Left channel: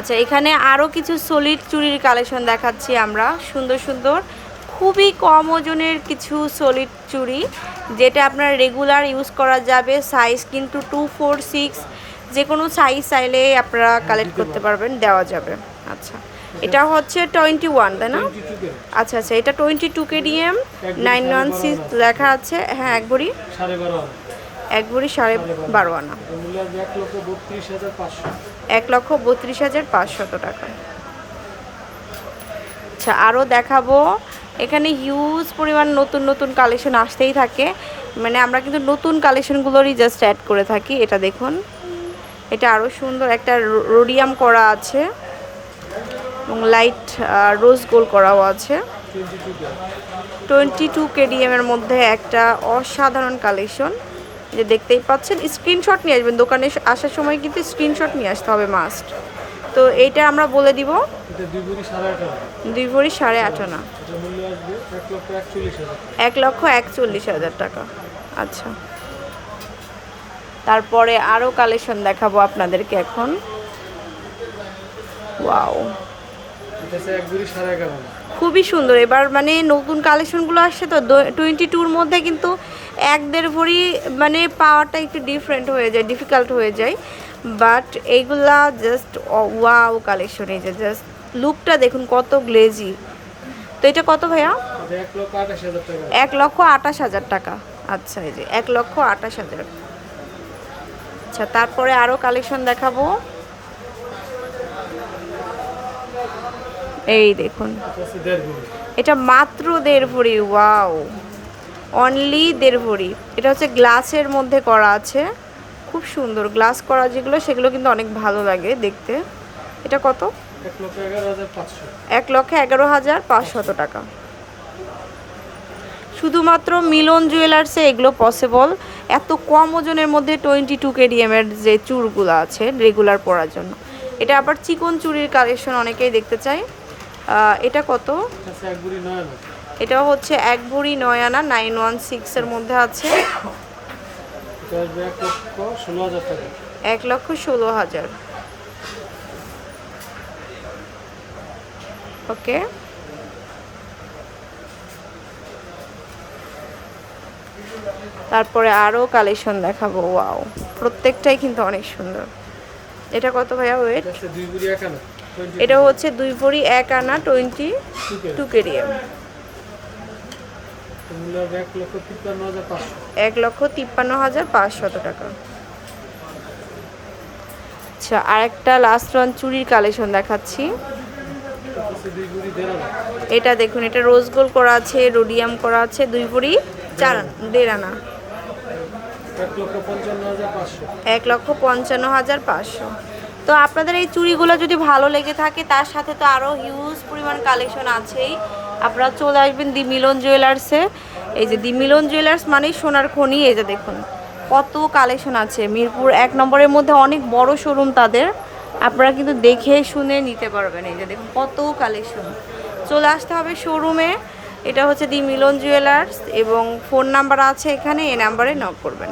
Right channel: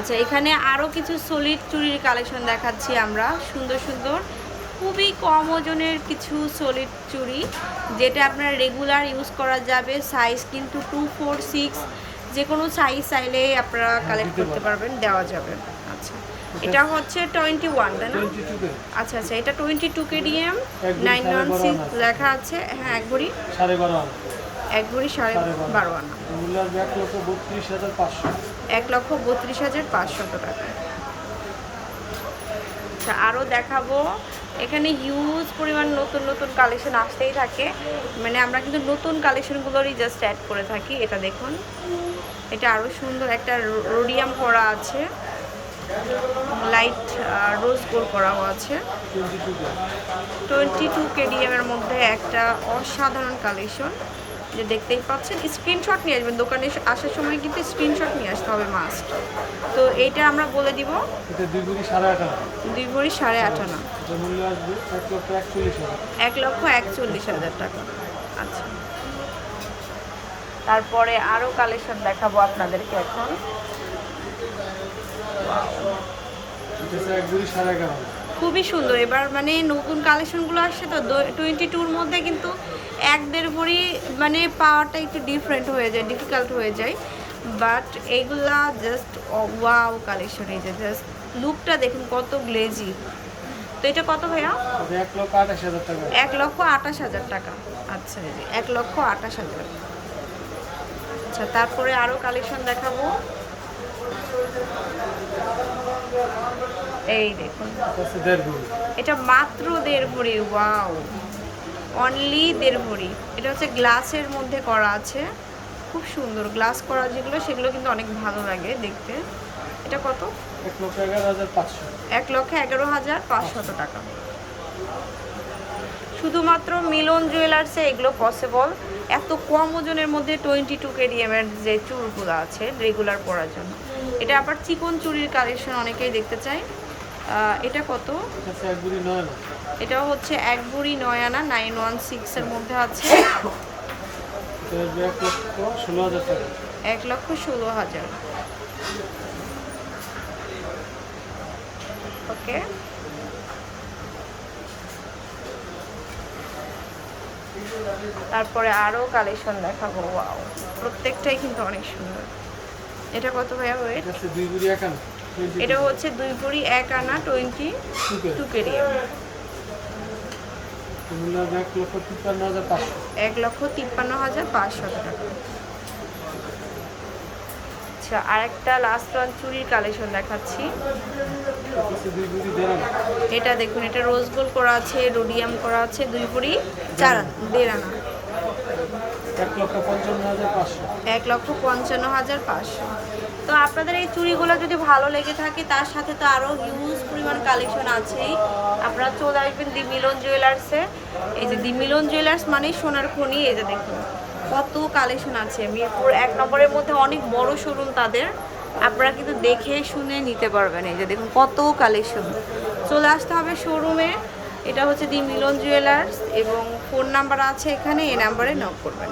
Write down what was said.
আচ্ছা এখানে আরও কিছু সলিড চুড়ির কালেকশন দেখাচ্ছি আমরা। সুন্দর সুন্দর। খুবই কম ওজনের কিছু সলিড চুড়ি যেটা আপনার রেগুলার ইউজ করা যাবে। সাইজ কিন্তু টু ফোর সিক্স যে কোনো সাইজ চাইলে আপনারা কালেক্ট করতে পারবেন। দেওয়া যাবে। আচ্ছা এটা হচ্ছে টোয়েন্টি ওয়ান তাই না? আচ্ছা আচ্ছা এটা twenty two KDM nine one six. লেখা আছে। হ্যাঁ এক ভরি সাড়ে বারো আনা। এক ভরি সাড়ে বারো। আনা। এক লক্ষ বত্রিশ হাজার পাঁচশত টাকা। আচ্ছা আরও দেখাবো। এখানে হিউজ পরিমাণ নতুন নতুন কালেকশন আসতেই থাকে। মানে আমরা কিন্তু নতুন কালেকশনগুলোরই জাস্ট অ্যাড করে থাকি, এটা দেখুন। এটা আরও সুন্দর একটা রোডিয়াম করা আছে। লাইট রোজ গোল করাও আছে। Twenty two K twenty two KDM এর মধ্যে একটা অসাধারণ কালেকশন যে দেখতেই পাচ্ছেন স্ক্রিনশট নিয়ে আসবেন। দোকানে আসার সময় কিন্তু স্ক্রিনশট নিয়ে আসতে হবে মাস্ট তো এইটা আমরা বলে দিব। এটা দুই ভরি সাড়ে আট আনা দুই ভরি সাড়ে আট এটা মূল্য আসবে এক লক্ষ একচল্লিশ হাজার। টাকা। আচ্ছা। তারপরে আরও কালেকশন দেখাবো আপনাদেরকে এখন। ওয়াও খুবই সুন্দর। এবার মানে নতুন কালেকশনগুলো আসছে তো টোয়েন্টি টুর মধ্যে কিন্তু এক দেড় ভরি মানে পাওয়াটা একটু ডিফারেন্ট হয়ে যায় ডিফিকাল্ট হয়ে যায়। বাট এইগুলা জাস্ট ওয়াও কালেকশন এই যে জাস্ট লুকটা দেখুন কত গ্লেজি তো এটা কত ভাইয়া? এক লক্ষ আঠাশ হাজার টাকা। আচ্ছা এই যে এক লক্ষ আঠাশ হাজার। আচ্ছা তারপরে আরও কালেকশন দেখাবো। এই দেখুন। এটা মাত্র দেড় ভরি ওয়াও অনলি দেড় ভরি এটা হচ্ছে গ্লাসের মধ্যে করা আছে। খুব সুন্দর। গ্লাস করা যেগুলো সেগুলো কিন্তু অনেক ভালো লাগে দেখতে। এটা কত? এক লক্ষ এগারো হাজার পাঁচশত টাকা। শুধুমাত্র মিলন জুয়েলার্সে এগুলো পসিবল এত কম ওজনের মধ্যে টোয়েন্টি টু কেডিএমের যে চুড়গুলো আছে রেগুলার পরার জন্য। এটা আবার চিকন চুরির কালেকশন অনেকেই দেখতে আহ, এটা কত? এটা হচ্ছে এক ভরি নয় আনা এটাও হচ্ছে এক ভরি নয় আনা নাইন ওয়ান সিক্সের মধ্যে আছে। এক লক্ষ ষোলো হাজার। ওকে তারপরে আরও কালেকশন দেখাবো ওয়াও প্রত্যেকটাই কিন্তু অনেক সুন্দর। এটা কত ভাইয়া ওয়েট এটা হচ্ছে দুই ভরি এক আনা twenty two K two KDM মূল্য আসবে এক লক্ষ তিপ্পান্ন হাজার পাঁচশো। এক লক্ষ তিপ্পান্ন হাজার পাঁচশত টাকা। আচ্ছা আরেকটা লাস্ট রান চুরির কালেকশন দেখাচ্ছি। এটা দেখুন এটা রোজ গোল্ড করা আছে রোডিয়াম করা আছে দুই ভরি চার আনা দেড় আনা। এক লক্ষ পঞ্চান্ন হাজার পাঁচশো। এক লক্ষ পঞ্চান্ন হাজার পাঁচশো। তো আপনাদের এই চুড়িগুলো যদি ভালো লেগে থাকে তার সাথে তো আরও হিউজ পরিমাণ কালেকশন আছেই। আপনারা চলে আসবেন দি মিলন জুয়েলার্সে এই যে দি মিলন জুয়েলার্স মানেই সোনার খনি, এই যে দেখুন। কত কালেকশন আছে। মিরপুর এক নম্বরের মধ্যে অনেক বড় শোরুম তাদের। আপনারা কিন্তু দেখে শুনে নিতে পারবেন। এই যে দেখুন, কত কালেকশন চলে আসতে হবে শোরুমে এটা হচ্ছে দি মিলন জুয়েলার্স এবং ফোন নাম্বার আছে এখানে, এই নাম্বারে নক করবেন।